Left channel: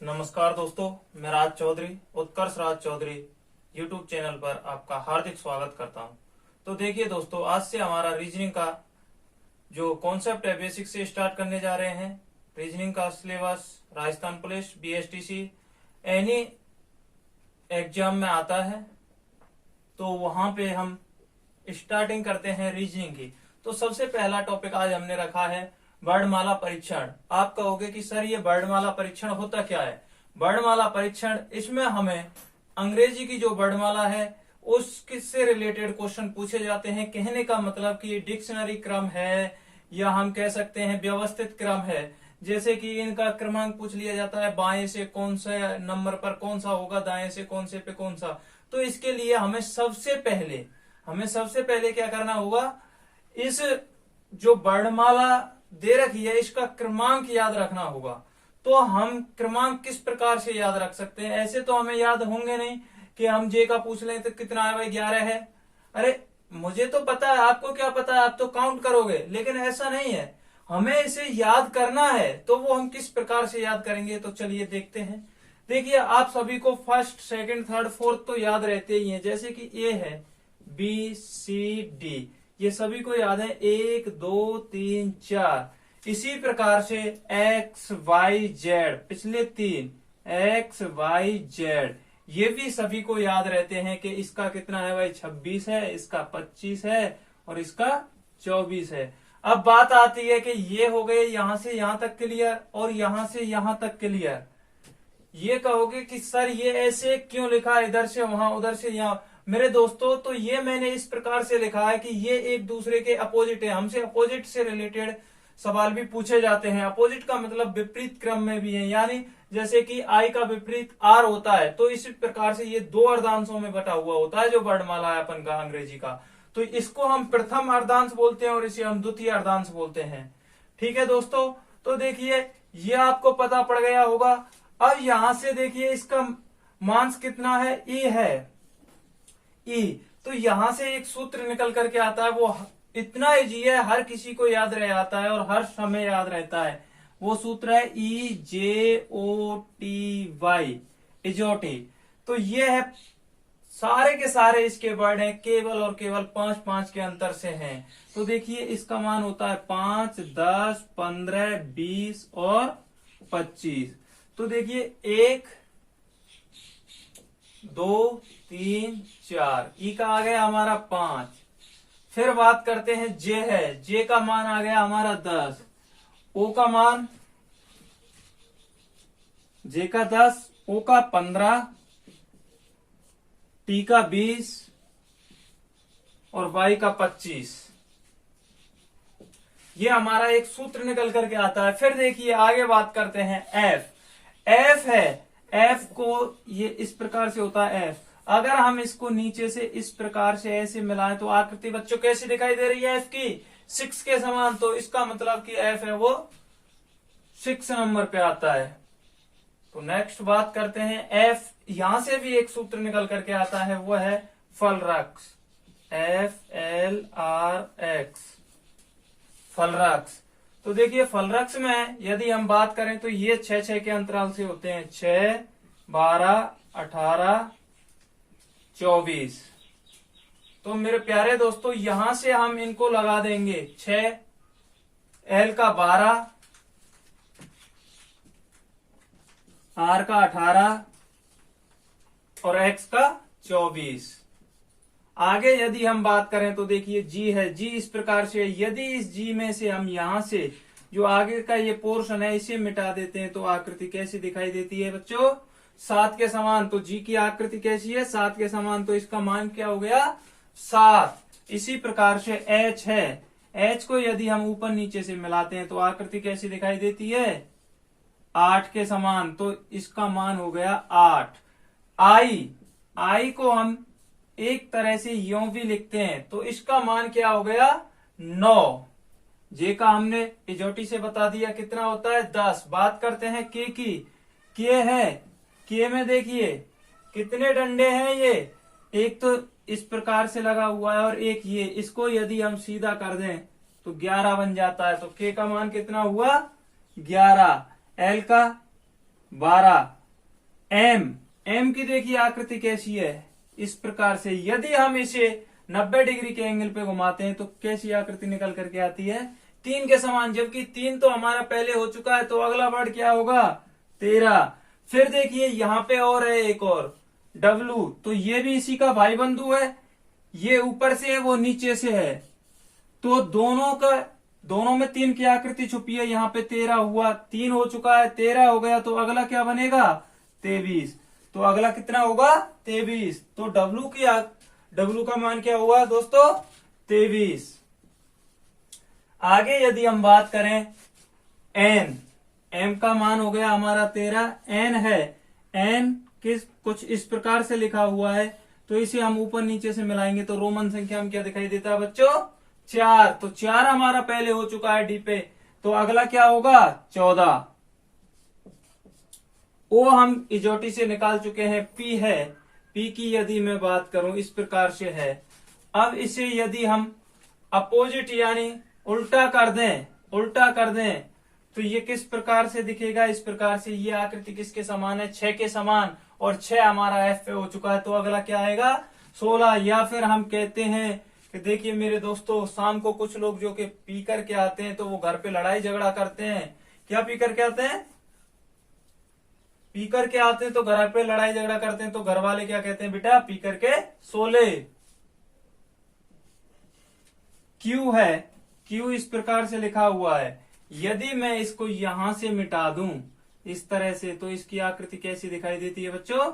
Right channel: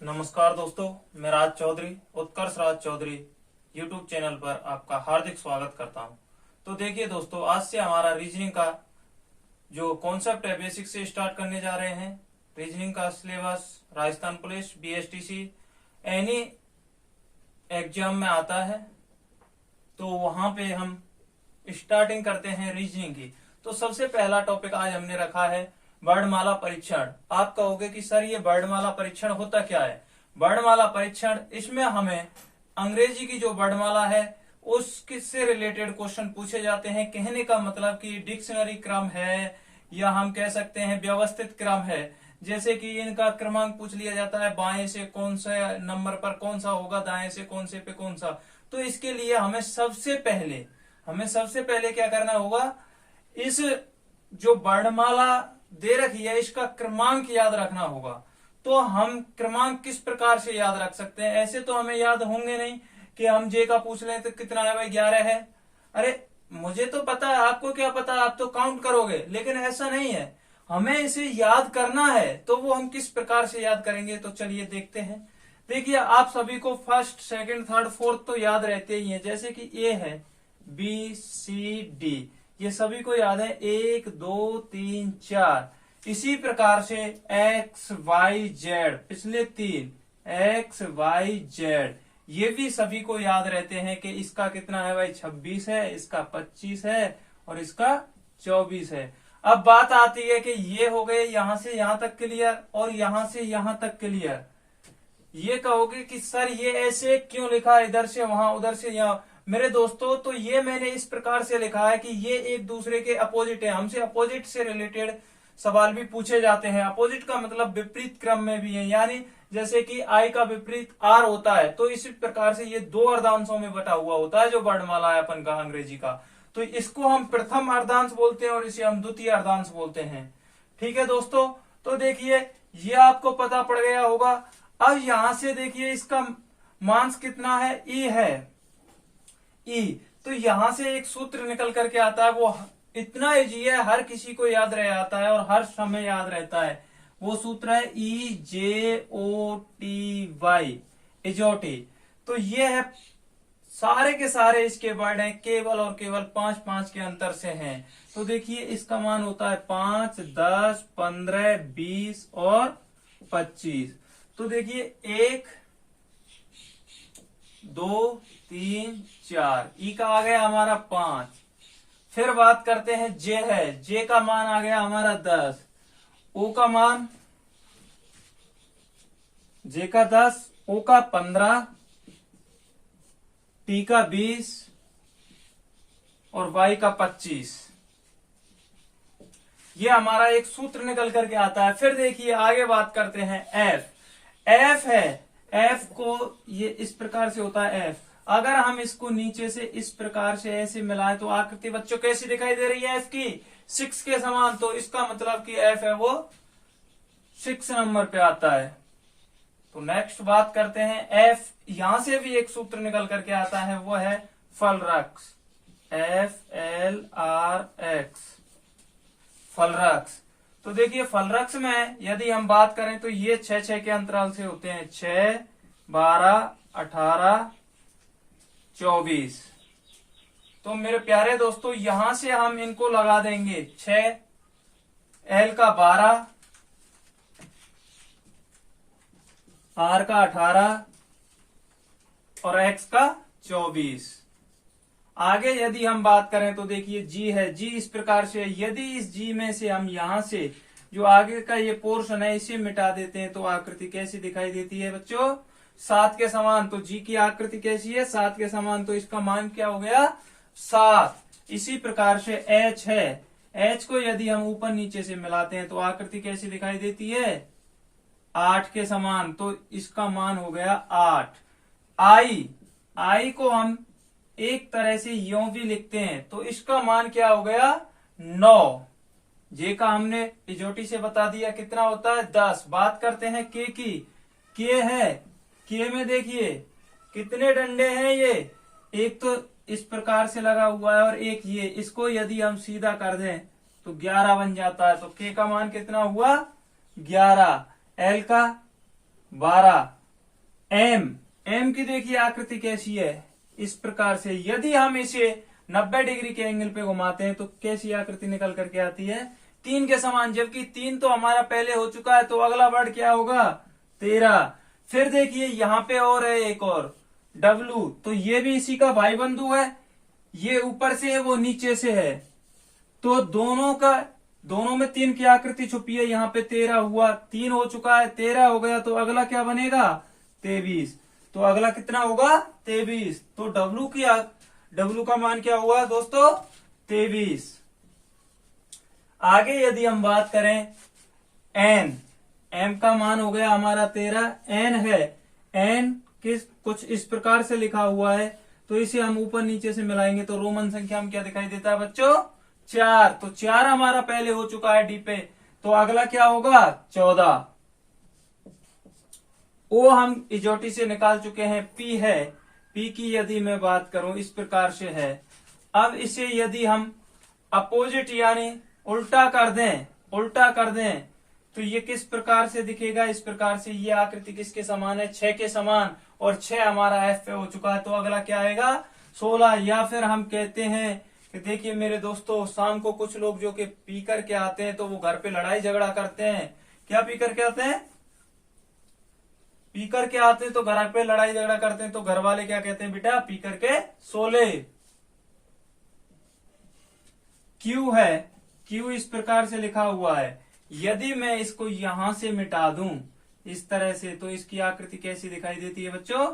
नमस्कार दोस्तों, मैं राज चौधरी, उत्कर्ष राज चौधरी यूट्यूब चैनल पर आपका हार्दिक स्वागत करता हूं। तो देखिए दोस्तों, आज से हमारा रीजनिंग का जो कॉन्सेप्ट है बेसिक से स्टार्ट करने जा रहे हैं। रीजनिंग का syllabus Rajasthan police, BSTC, any exam में आता है, तो वहां पे हम स्टार्टिंग करते हैं रीजनिंग की। तो सबसे पहला टॉपिक आज हमने रखा है वर्णमाला परीक्षण। आप कहोगे कि सर ये वर्णमाला परीक्षण होता क्या है? वर्णमाला परीक्षण, इसमें हमें अंग्रेजी की जो वर्णमाला है उससे रिलेटेड क्वेश्चन पूछे जाते हैं। कहने का मतलब कि ये डिक्शनरी क्रम है या हम कह सकते हैं व्यवस्थित क्रम है। जैसे कि इनका क्रमांक पूछ लिया जाता है, बाएं से कौन सा नंबर पर कौन सा होगा, दाएं से कौन से पे कौन सा। तो इसके लिए हमें सबसे पहले क्या करना होगा, इस जो वर्णमाला दे रखी है इसका क्रमांक याद रखना होगा। तो हम क्रमांक किस प्रकार से याद रख सकते हैं? ऐसे तो हमें याद होंगे नहीं कि हम जे का पूछ लें तो कितना है भाई, 11 है। अरे मुझे तो पता है, आपको क्या पता है, आप तो काउंट करोगे। लेकिन ऐसा नहीं है, हमें इसे याद करना है। तो वो हम किस प्रकार से याद करेंगे, तो चलिए देखते हैं। देखिए, आप सभी को फर्स्ट, सेकंड, थर्ड, फोर्थ तो याद रहते ही हैं। जैसे कि ए है, बी, सी, डी, ये सभी को याद है, 1 2 3 4। इसी प्रकार से एक्स वाई जेड, पिछले 3 एक्स वाई जेड, ये भी सभी को याद रहते हैं कि इसका कितना है भाई, 26 है, इसका 25 है और इसका 24 है। अब बात आती है कि ये हो गए यहां से यहां तक क्लियर और यहां से यहां तक क्लियर। ये कहोगे कि सर ये ऐसे क्यों लिखा, इधर से वहां उधर से यहां। मेरे दोस्तों, तो ये मैंने इस प्रकार से लिखा है कि ये एक दूसरे के अपोजिट है। हमसे अपोजिट से रिलेटेड सवाल भी पूछे जाते हैं। अपोजिट का मतलब विपरीत क्रम में भी है, यानी जैसे कि आई का विपरीत आर होता है, तो इसी प्रकार से ये 2 अर्धांशों में बटा हुआ होता है जो वर्णमाला है अपन का अंग्रेजी का। तो इसको हम प्रथम अर्धांश बोलते हैं और इसे हम द्वितीय अर्धांश बोलते हैं। ठीक है दोस्तों, तो देखिए ये आपको पता पड़ गया होगा। अब यहां से देखिए इसका मांस कितना है, ई है, ई। तो यहां से एक सूत्र निकल करके आता है, वो इतना इजी है, हर किसी को याद रह आता है और हर समय याद रहता है। वो सूत्र है EJOTY, इजोटी। तो ये है, सारे के सारे इसके वर्ड हैं, केवल और केवल 5-5 के अंतर से हैं। तो देखिए इसका मान होता है 5, 10, 15, 20 और 25। तो देखिए 1 2 3 4, ई का आ गया हमारा 5। फिर बात करते हैं जे है, जे का मान आ गया हमारा 10, ओ का मान, जे का 10, ओ का 15, टी का 20 और वाई का 25। ये हमारा एक सूत्र निकल करके आता है। फिर देखिए आगे बात करते हैं एफ। एफ है, एफ को ये इस प्रकार से होता है एफ। अगर हम इसको नीचे से इस प्रकार से ऐसे मिलाएं तो आकृति बच्चों कैसी दिखाई दे रही है एफ की, 6 के समान। तो इसका मतलब कि एफ है वो 6 नंबर पे आता है। तो नेक्स्ट बात करते हैं एफ, यहां से भी एक सूत्र निकल करके आता है, वो है फलरक्स, FLRX, फलरक्स। तो देखिए फलरक्स में यदि हम बात करें तो ये 6-6 के अंतराल से होते हैं, 6, 12, 18, 24। तो मेरे प्यारे दोस्तों, यहां से हम इनको लगा देंगे, 6, L का 12, R का 18 और X का 24। आगे यदि हम बात करें तो देखिए जी है, जी इस प्रकार से, यदि इस जी में से हम यहां से जो आगे का ये पोर्शन है इसे मिटा देते हैं तो आकृति कैसी दिखाई देती है बच्चों, 7 के समान। तो जी की आकृति कैसी है, 7 के समान। तो इसका मान क्या हो गया, 7। इसी प्रकार से एच है, एच को यदि हम ऊपर नीचे से मिलाते हैं तो आकृति कैसी दिखाई देती है, 8 के समान। तो इसका मान हो गया 8। आई, आई को हम एक तरह से यों भी लिखते हैं, तो इसका मान क्या हो गया, 9। जे का हमने इजोटी से बता दिया कितना होता है, 10। बात करते हैं के की, के है, के में देखिए कितने डंडे हैं, ये एक तो इस प्रकार से लगा हुआ है और एक ये, इसको यदि हम सीधा कर दें तो 11 बन जाता है। तो के का मान कितना हुआ, 11। एल का 12। एम की देखिए आकृति कैसी है, इस प्रकार से। यदि हम इसे 90 डिग्री के एंगल पे घुमाते हैं तो कैसी आकृति निकल करके आती है, 3 के समान। जबकि 3 तो हमारा पहले हो चुका है, तो अगला वर्ड क्या होगा, 13। फिर देखिए यहाँ पे और है एक और डब्लू, तो ये भी इसी का भाई बंधु है। ये ऊपर से है, वो नीचे से है, तो दोनों में 3 की आकृति छुपी है। यहाँ पे 13 हुआ, 3 हो चुका है, 13 हो गया, तो अगला क्या बनेगा, 23। तो अगला कितना होगा, 23। तो डब्लू का मान क्या हुआ दोस्तों, 23। आगे यदि हम बात करें एम का मान हो गया हमारा 13। एन है, एन कुछ इस प्रकार से लिखा हुआ है, तो इसे हम ऊपर नीचे से मिलाएंगे तो रोमन संख्या में क्या दिखाई देता है बच्चों, 4। तो 4 हमारा पहले हो चुका है डी पे, तो अगला क्या होगा, 14। ओ हम इजोटी से निकाल चुके हैं, पी है। पी की यदि मैं बात करूं इस प्रकार से है। अब इसे यदि हम अपोजिट यानी उल्टा कर दें तो ये किस प्रकार से दिखेगा, इस प्रकार से। ये आकृति किसके समान है, 6 के समान, और 6 हमारा एफ पे हो चुका है, तो अगला क्या आएगा, 16। या फिर हम कहते हैं कि देखिए मेरे दोस्तों, शाम को कुछ लोग जो कि पी करके आते हैं तो वो घर पे लड़ाई झगड़ा करते हैं। क्या पी करके आते हैं, पी करके आते हैं तो घर पे लड़ाई झगड़ा करते हैं, तो घर वाले क्या कहते हैं, बेटा पी करके सो ले। क्यू है, क्यू इस प्रकार से लिखा हुआ है। यदि मैं इसको यहां से मिटा दूं इस तरह से, तो इसकी आकृति कैसी दिखाई देती है बच्चों,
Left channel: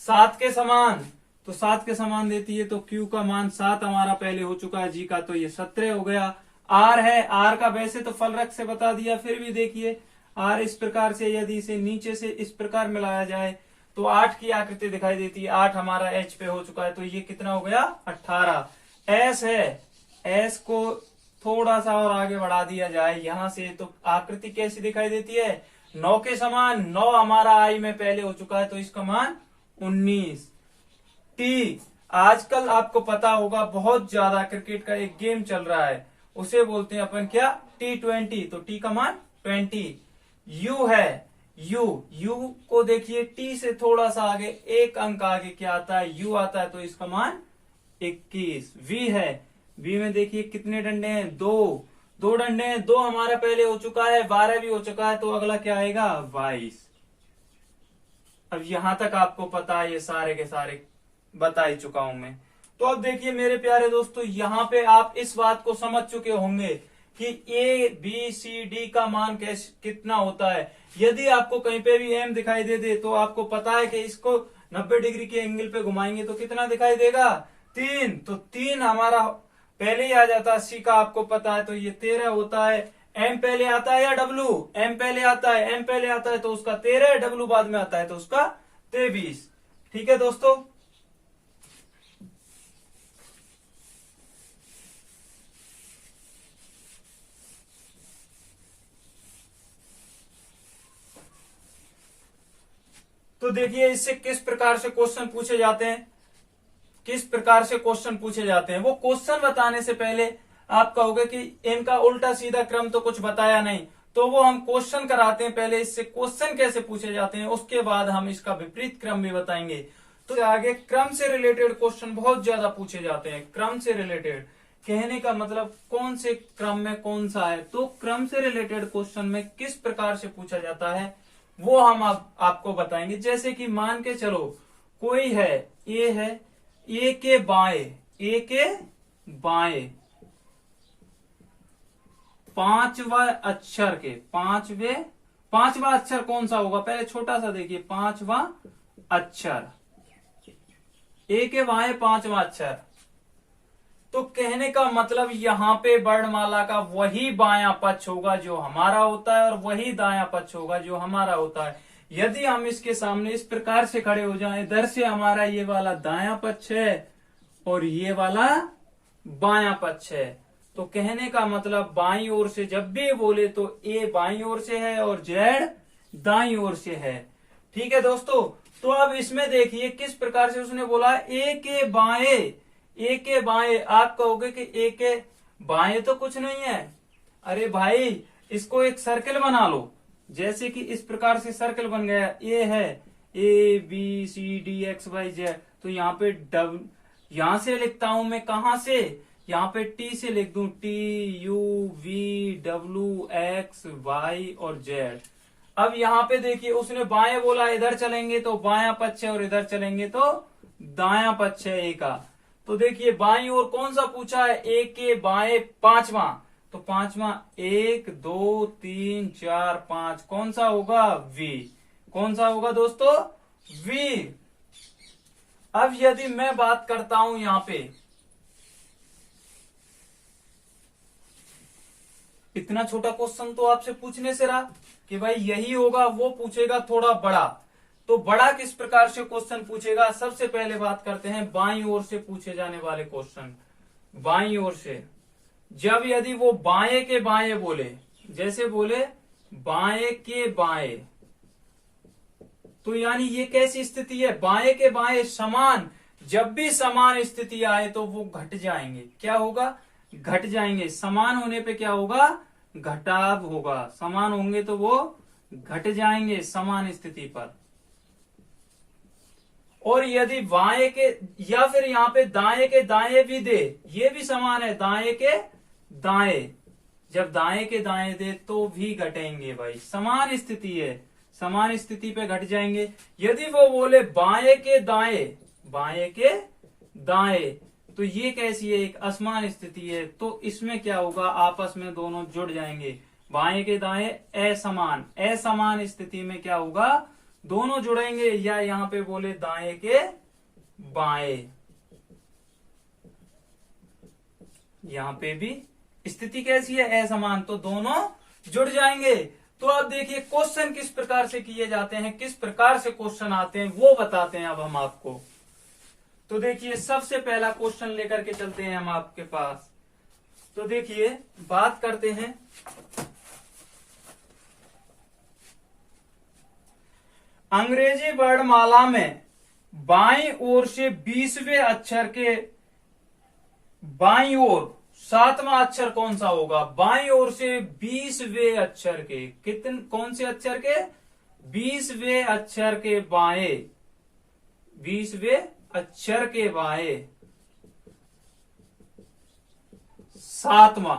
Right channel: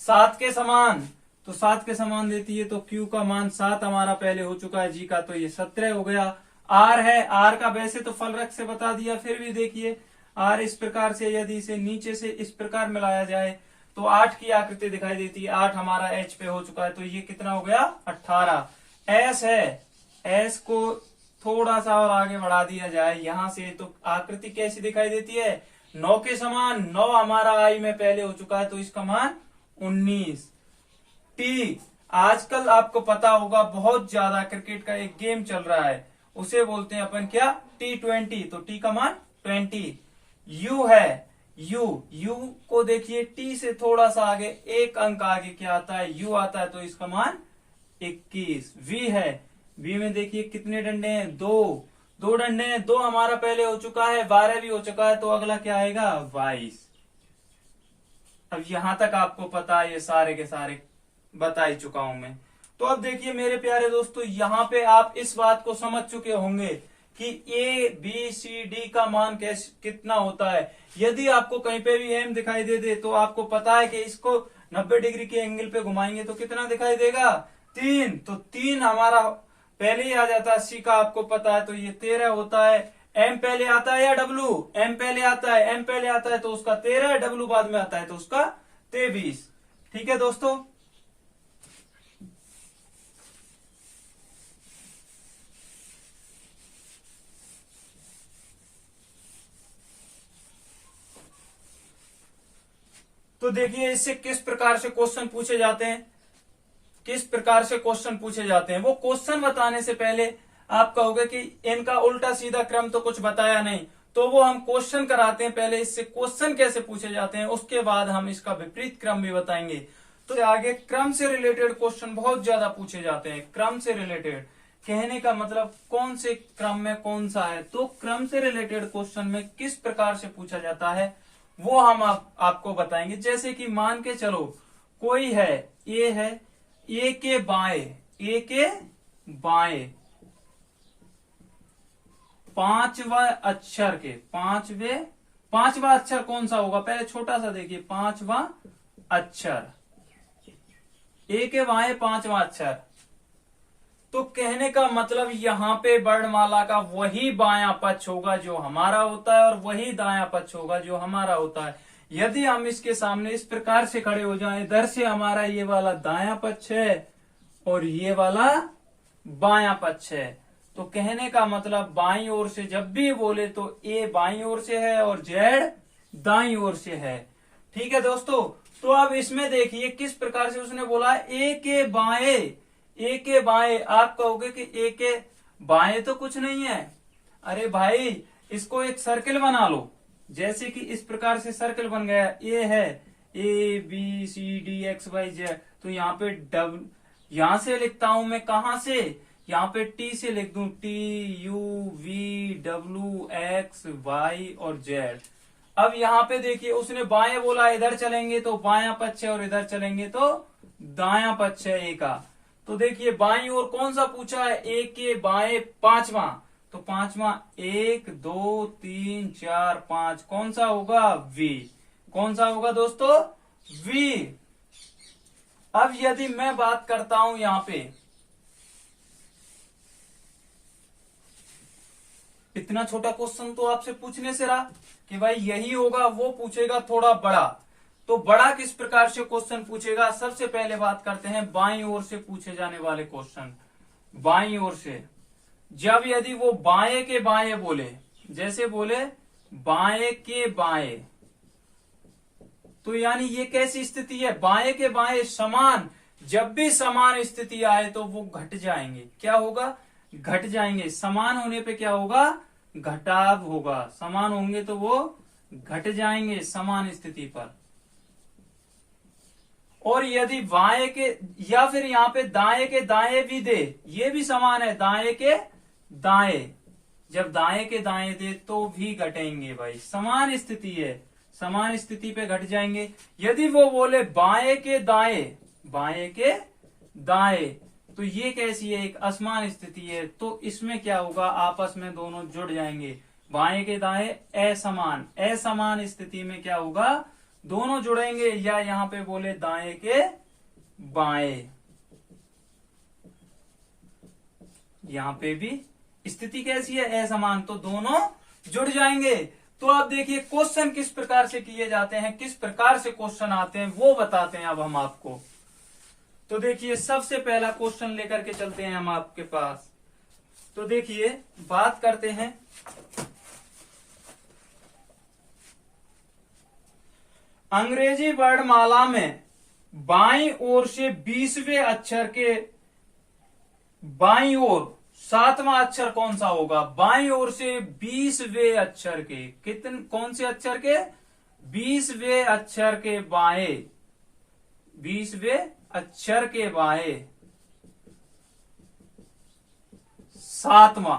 7 के समान। तो 7 के समान देती है, तो क्यू का मान 7 हमारा पहले हो चुका है, जी का तो ये 17 हो गया। आर है, आर का वैसे तो फलरक से बता दिया, फिर भी देखिए आर इस प्रकार से, यदि इसे नीचे से इस प्रकार मिलाया जाए तो 8 की आकृति दिखाई देती है। 8 हमारा एच पे हो चुका है, तो ये कितना हो गया, 18। एस है, एस को थोड़ा सा और आगे बढ़ा दिया जाए यहां से, तो आकृति कैसी दिखाई देती है, 9 के समान। 9 हमारा आई में पहले हो चुका है, तो इसका मान 19। टी, आजकल आपको पता होगा बहुत ज्यादा क्रिकेट का एक गेम चल रहा है, उसे बोलते हैं अपन क्या, T20, तो टी का मान 20। यू है, यू को देखिए टी से थोड़ा सा आगे, एक अंक आगे क्या आता है, यू आता है, तो इसका मान 21। वी है, वी में देखिए कितने डंडे हैं, 2 डंडे हैं। 2 हमारा पहले हो चुका है, 12 भी हो चुका है, तो अगला क्या आएगा, 22। अब यहां तक आपको पता है, ये सारे के सारे बता ही चुका हूं मैं। तो अब देखिए मेरे प्यारे दोस्तों, यहाँ पे आप इस बात को समझ चुके होंगे कि ए बी सी डी का मान कितना होता है। यदि आपको कहीं पे भी एम दिखाई दे तो आपको पता है कि इसको 90 डिग्री के एंगल पे घुमाएंगे तो कितना दिखाई देगा, 3। तो 3 हमारा पहले ही आ जाता है, सी का आपको पता है, तो ये 13 होता है। एम पहले आता है या डब्लू, एम पहले आता है, एम पहले आता है तो उसका 13, डब्लू बाद में आता है तो उसका 23। ठीक है दोस्तों। तो देखिए इससे किस प्रकार से क्वेश्चन पूछे जाते हैं, किस प्रकार से क्वेश्चन पूछे जाते हैं। वो क्वेश्चन बताने से पहले आप कहोगे कि इनका उल्टा सीधा क्रम तो कुछ बताया नहीं, तो वो हम क्वेश्चन कराते हैं पहले, इससे क्वेश्चन कैसे पूछे जाते हैं, उसके बाद हम इसका विपरीत क्रम भी बताएंगे। तो आगे क्रम से रिलेटेड क्वेश्चन बहुत ज्यादा पूछे जाते हैं। क्रम से रिलेटेड कहने का मतलब कौन से क्रम में कौन सा है, तो क्रम से रिलेटेड क्वेश्चन में किस प्रकार से पूछा जाता है वो हम आपको बताएंगे। जैसे कि मान के चलो कोई है, ए के बाएं 5वां अक्षर के पांचवा अक्षर कौन सा होगा, पहले छोटा सा देखिए, 5वां अक्षर, ए के बाएं 5वां अक्षर। तो कहने का मतलब यहाँ पे वर्णमाला का वही बायां पक्ष होगा जो हमारा होता है, और वही दायां पक्ष होगा जो हमारा होता है। यदि हम इसके सामने इस प्रकार से खड़े हो जाएं, इधर से हमारा ये वाला दायां पक्ष है और ये वाला बायां पक्ष है, तो कहने का मतलब बाईं ओर से जब भी बोले तो ए बाईं ओर से है और जेड दाईं ओर से है। ठीक है दोस्तों। तो अब इसमें देखिए किस प्रकार से उसने बोला ए के बाएं। आप कहोगे कि ए के बाएं तो कुछ नहीं है। अरे भाई इसको एक सर्किल बना लो, जैसे कि इस प्रकार से सर्कल बन गया, ए है, A B C D X Y Z, तो यहाँ पे यहां से लिखता हूं मैं, कहां से, यहाँ पे टी से लिख दूं, T U V W X Y और जेड। अब यहाँ पे देखिए उसने बाएं बोला, इधर चलेंगे तो बायां पक्ष है और इधर चलेंगे तो दायां पक्ष है ए का। तो देखिए बाईं ओर कौन सा पूछा है, ए के बाएं पांचवा, तो पांचवा 1 2 3 4 5 कौन सा होगा, वी। कौन सा होगा दोस्तों, वी। अब यदि मैं बात करता हूं यहां पे, इतना छोटा क्वेश्चन तो आपसे पूछने से रहा कि भाई यही होगा, वो पूछेगा थोड़ा बड़ा। तो बड़ा किस प्रकार से क्वेश्चन पूछेगा, सबसे पहले बात करते हैं बाईं ओर से पूछे जाने वाले क्वेश्चन। बाईं ओर से जब यदि वो बाएं के बाएं बोले, जैसे बोले बाएं के बाएं, तो यानी ये कैसी स्थिति है, बाएं के बाएं समान। जब भी समान स्थिति आए तो वो घट जाएंगे, क्या होगा, घट जाएंगे। समान होने पे क्या होगा, घटाव होगा। समान होंगे तो वो घट जाएंगे समान स्थिति पर। और यदि बाएं के, या फिर यहां पे दाएं के दाएं भी दे, ये भी समान है, दाएं के दाएं, जब दाएं के दाएं दे तो भी घटेंगे भाई, समान स्थिति है, समान स्थिति पे घट जाएंगे। यदि वो बोले बाएं के दाएं, बाएं के दाएं, तो ये कैसी है, एक असमान स्थिति है, तो इसमें क्या होगा, आपस में दोनों जुड़ जाएंगे। बाएं के दाएं असमान, असमान स्थिति में क्या होगा, दोनों जुड़ेंगे। या यहां पे बोले दाएं के बाएं, यहां पे भी स्थिति कैसी है, असमान, तो दोनों जुड़ जाएंगे। तो अब देखिए क्वेश्चन किस प्रकार से किए जाते हैं, किस प्रकार से क्वेश्चन आते हैं वो बताते हैं अब हम आपको। तो देखिए सबसे पहला क्वेश्चन लेकर के चलते हैं हम आपके पास। तो देखिए बात करते हैं, अंग्रेजी वर्णमाला में बाईं ओर से 20वें अक्षर के बाईं ओर 7वां अक्षर कौन सा होगा, बाईं ओर से 20वें अक्षर के, कितने, कौन से अक्षर के, 20वें अक्षर के बाएं, 20वें अक्षर के बाएं 7वां।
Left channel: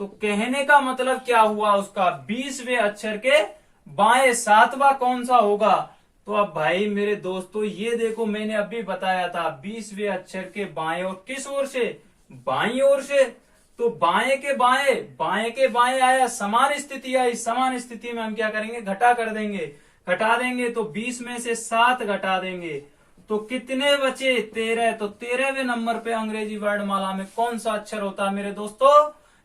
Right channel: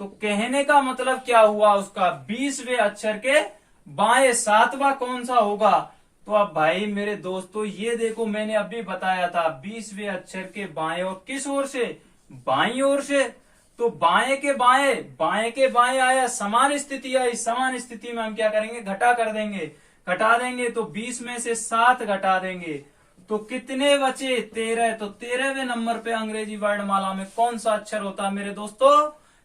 तो कहने का मतलब क्या हुआ उसका, 20वें अक्षर के बाएं 7वां कौन सा होगा। तो अब भाई मेरे दोस्तों ये देखो, मैंने अभी बताया था 20वें अक्षर के बाएं और किस ओर से, बाईं ओर से। तो बाएं के बाएं, बाएं के बाएं आया, समान स्थिति आई, समान स्थिति में हम क्या करेंगे, घटा कर देंगे, घटा देंगे। तो 20 में से 7 घटा देंगे तो कितने बचे, 13। तो 13वें नंबर पे अंग्रेजी वर्णमाला में कौन सा अक्षर होता है मेरे दोस्तों,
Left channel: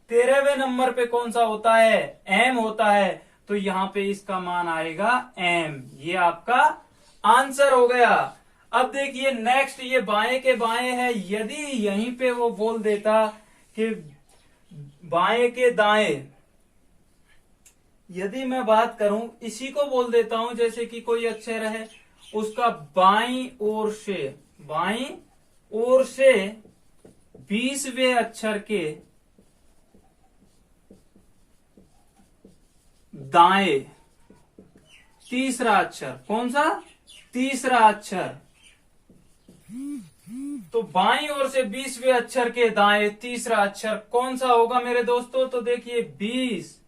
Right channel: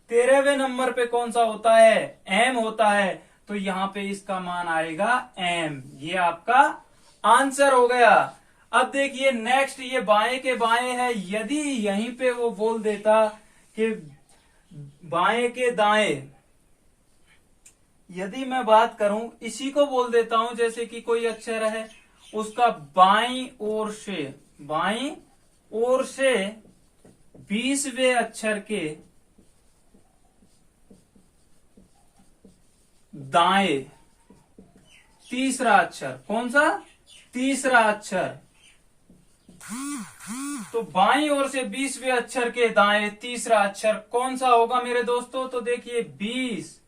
13वें नंबर पे कौन सा होता है, एम होता है। तो यहाँ पे इसका मान आएगा एम, ये आपका आंसर हो गया। अब देखिए नेक्स्ट, ये बाएं के बाएं है, यदि यहीं पे वो बोल देता कि बाएं के दाएं, यदि मैं बात करूं इसी को बोल देता हूं, जैसे कि कोई अक्षर है उसका बाईं ओर से, बाईं ओर से 20वें अक्षर के दाएं तीसरा अक्षर, कौन सा, तीसरा अक्षर। तो बाईं ओर से 20वें अक्षर के दाएं तीसरा अक्षर कौन सा होगा मेरे दोस्तों। तो देखिए 20,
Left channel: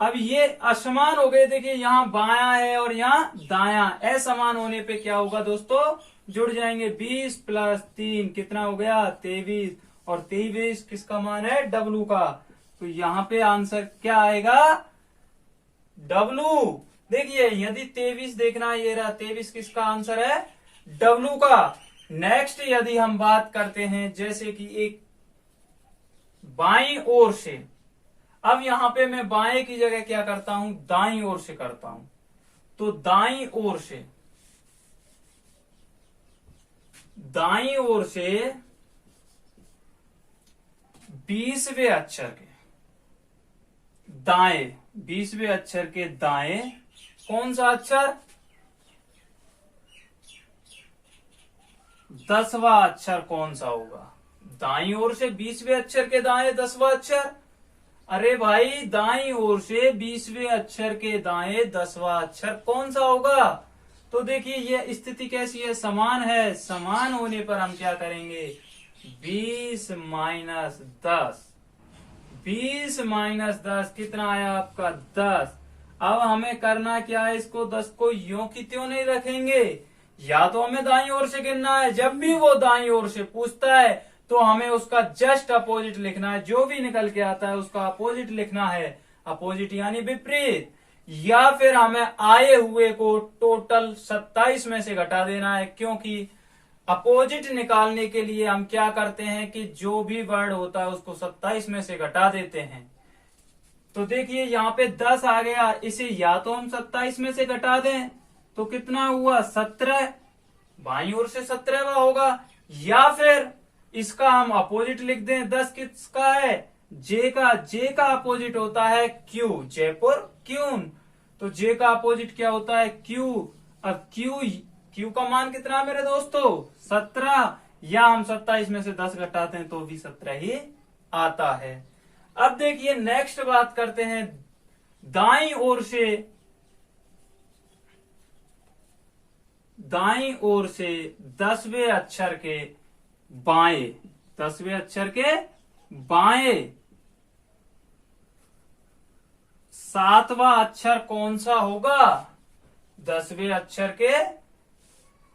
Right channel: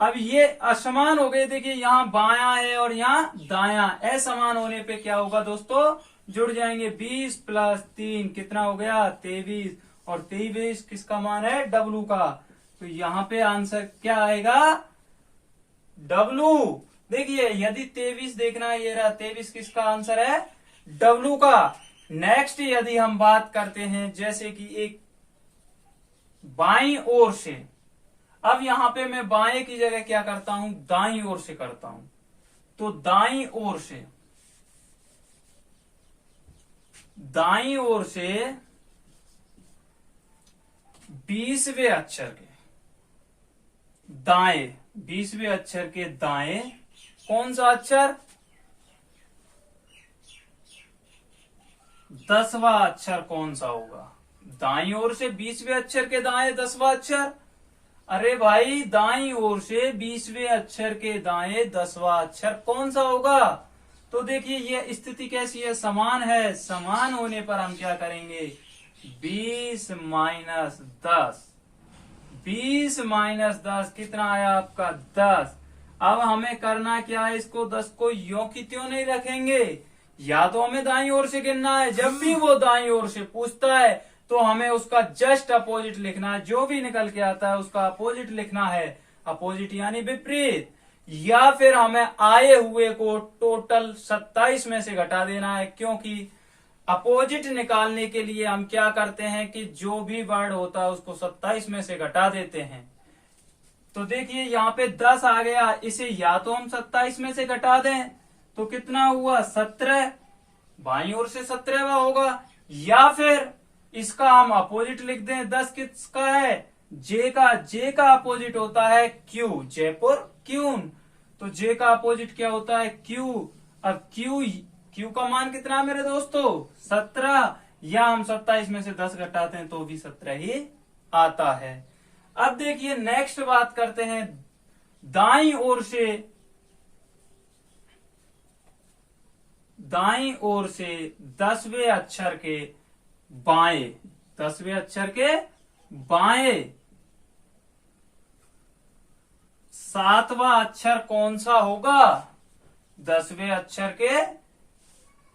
अब ये असमान हो गए, देखिए यहाँ बायां है और यहाँ दायां, असमान होने पे क्या होगा दोस्तों, जुड़ जाएंगे। 20 + 3 कितना हो गया, 23, और 23 किसका मान है, डब्लू का। तो यहाँ पे आंसर क्या आएगा, डब्लू। देखिए यदि 23 देखना है, ये रहा 23 किसका आंसर है, डब्लू का। नेक्स्ट यदि हम बात करते हैं, जैसे कि एक बाईं ओर से, अब यहां पे मैं बाएं की जगह क्या करता हूं, दाईं ओर से करता हूं। तो दाईं ओर से, दाईं ओर से 20वें अक्षर के दाएं, 20वें अक्षर के दाएं कौन सा अक्षर, 10वां अक्षर कौन सा होगा। दाईं ओर से 20वें अक्षर के दाएं 10वां अक्षर। अरे भाई दाईं ओर से 20वें अक्षर के दाएं 10वां अक्षर कौन सा होगा? तो देखिए ये स्थिति कैसी है, समान है। समान होने पर हम क्या करेंगे, 20 माइनस 10, 20 माइनस 10 कितना आया आपका 10। अब हमें करना क्या है, इसको 10 को यों की त्यों नहीं रखेंगे, या तो हमें दाईं ओर से गिनना है। जब भी वो दाईं ओर से पूछता है तो हमें उसका जस्ट अपोजिट लिखना है, जो भी निकल के आता है उसका अपोजिट लिखना है, अपोजिट यानी विपरीत। या फिर हमें आए हुए को टोटल 27 में से घटा देना है, क्योंकि अपोजिट निकालने के लिए हम क्या करते हैं कि जो भी वर्ड होता है उसको 27 में से घटा देते हैं। तो देखिए यहाँ पे 10 आ गया, इसे या तो हम 27 में से घटा दें तो कितना हुआ 17, बाईं ओर से 17वां होगा, या फिर इसका हम अपोजिट लिख दें। 10 किसका है, जे का। जे का अपोजिट होता है क्यू, जयपुर क्यून। तो जे का अपोजिट क्या होता है, क्यू। अब क्यू का मान कितना है मेरे दोस्तों, 17, या हम 27 में से 10 घटाते हैं तो भी 17 ही आता है। अब देखिए नेक्स्ट बात करते हैं, दाईं ओर से 10वें अक्षर के बाएं, 10वें अक्षर के बाएं 7वां अक्षर कौन सा होगा, 10वें अक्षर के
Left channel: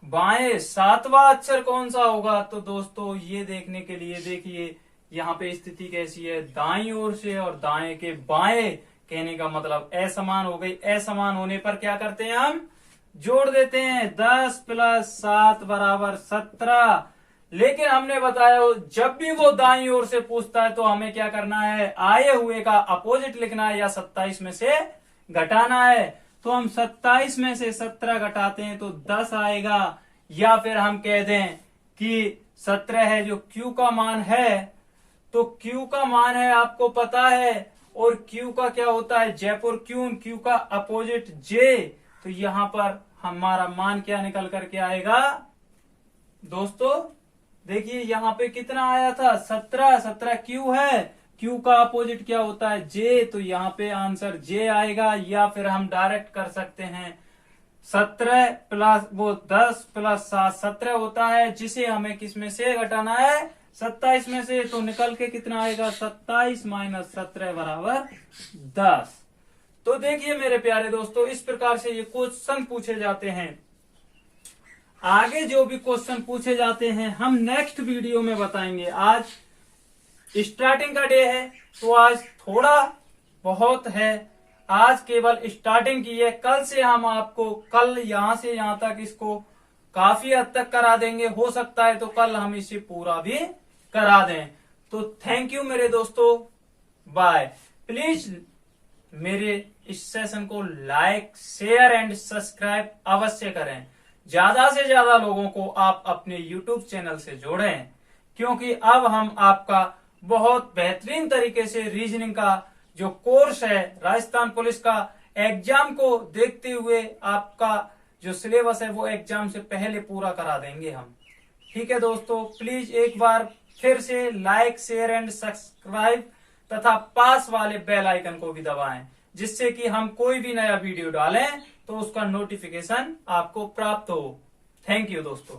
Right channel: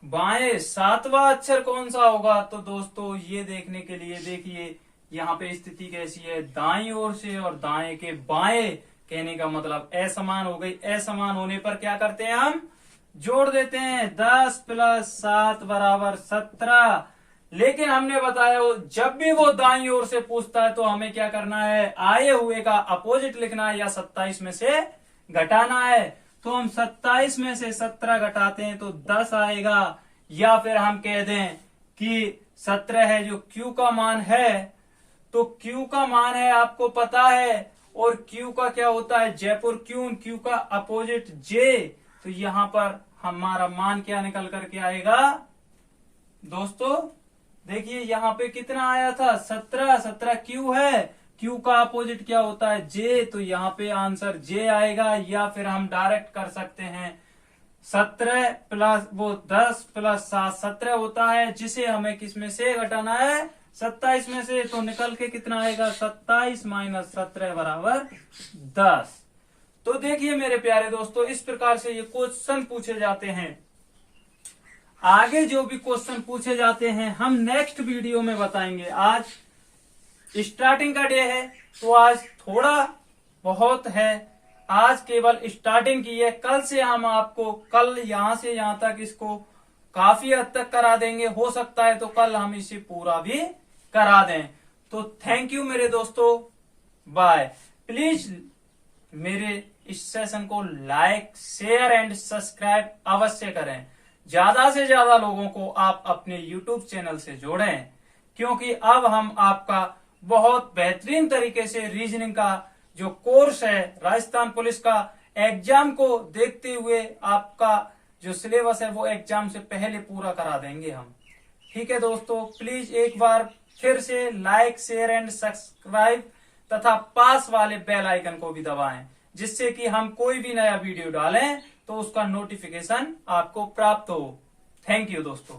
बाएं 7वां अक्षर कौन सा होगा। तो दोस्तों ये देखने के लिए देखिए यहाँ पे स्थिति कैसी है, दाईं ओर से और दाएं के बाएं, कहने का मतलब असमान हो गई। असमान होने पर क्या करते हैं, हम जोड़ देते हैं, 10 प्लस 7 बराबर 17। लेकिन हमने बताया जब भी वो दाईं ओर से पूछता है तो हमें क्या करना है, आए हुए का अपोजिट लिखना है या 27 में से घटाना है। तो हम 27 में से 17 घटाते हैं तो 10 आएगा, या फिर हम कह दें कि 17 है जो क्यू का मान है। तो क्यू का मान है आपको पता है, और क्यू का क्या होता है, जयपुर क्यून। क्यू का अपोजिट जे। तो यहां पर हमारा मान क्या निकल करके आएगा दोस्तों, देखिए यहाँ पे कितना आया था 17, 17 क्यू है, क्यू का अपोजिट क्या होता है जे। तो यहाँ पे आंसर जे आएगा, या फिर हम डायरेक्ट कर सकते हैं 17 प्लस वो 10 प्लस 7 17 होता है, जिसे हमें किस में से घटाना है, 27 में से। तो निकल के कितना आएगा, 27 माइनस 17 बराबर 10। तो देखिए मेरे प्यारे दोस्तों, इस प्रकार से ये क्वेश्चन पूछे जाते हैं। आगे जो भी क्वेश्चन पूछे जाते हैं हम नेक्स्ट वीडियो में बताएंगे। आज स्टार्टिंग का डे है तो आज थोड़ा बहुत है, आज केवल स्टार्टिंग की है। कल से हम आपको कल यहां से यहां तक इसको काफी हद तक करा देंगे, हो सकता है तो कल हम इसे पूरा भी करा दें। तो थैंक यू मेरे दोस्तों, बाय। प्लीज मेरे इस सेशन को लाइक शेयर एंड सब्सक्राइब अवश्य करें। ज्यादा से ज्यादा लोगों को आप अपने YouTube चैनल से जोड़ें, क्योंकि अब हम आपका बहुत बेहतरीन तरीके से रीजनिंग का जो कोर्स है राजस्थान पुलिस का, एग्जाम को देखते हुए आपका जो सिलेबस है वो एग्जाम से पहले पूरा करा देंगे हम। ठीक है दोस्तों, प्लीज एक बार फिर से लाइक शेयर एंड सब्सक्राइब तथा पास वाले बेल आइकन को भी दबाएं, जिससे कि हम कोई भी नया वीडियो डालें तो उसका नोटिफिकेशन आपको प्राप्त हो। थैंक यू दोस्तों।